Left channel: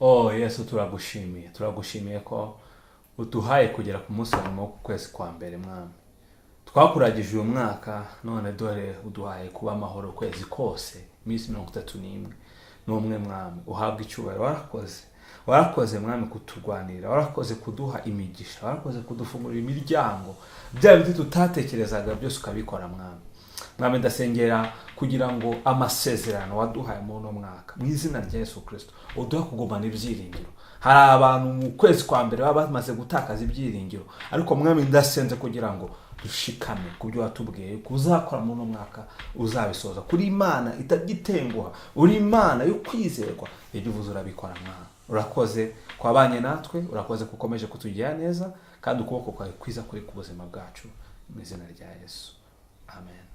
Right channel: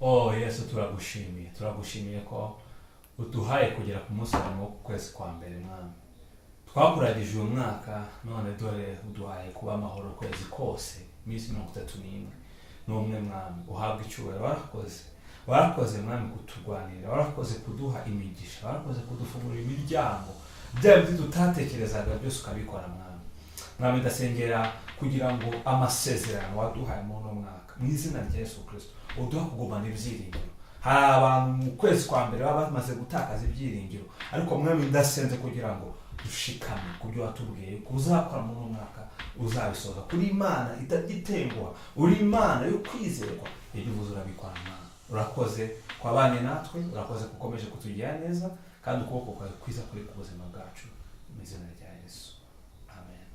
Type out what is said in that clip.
Oh Yesu, turagushimiye ko uduhaye kugera ku munsi wa nyuma w'uku kwezi kwa mbere mwami. Twakuragije uyu mwaka, none dore uduhaye kuba amahoro ukwezi kose, iminsi 31 n'umwe mwami. Uhabwa icyubahiro. Warakoze mwami kuturwanira, warakoze kuduha imigisha, warakoze kudufungurira imiryango, bya bindi tutatekerezaga byose ukabikora mwami. Mwami, ndasengera kugira ngo amasezerano waduhaye muri uno mwaka mu izina rya Yesu Kristo uduha kugumana ibyiringiro. Hari abantu mu kwezi kwa mbere baba bamaze gutakaza ibyiringiro, ariko mwami ndasenze kugira ngo dushikame ku byo watubwiye kuzakora muri uno mwaka, uzabisoza. Kuri Imana itagitenguha, uri Imana yo kwizerwa, ibyo uvuze urabikora mwami. Urakoze kwabanye natwe, urakoze kukomeje kutugira neza, kandi ukuboko kwawe kwiza kuri ku buzima bwacu, mu izina rya Yesu. Amen.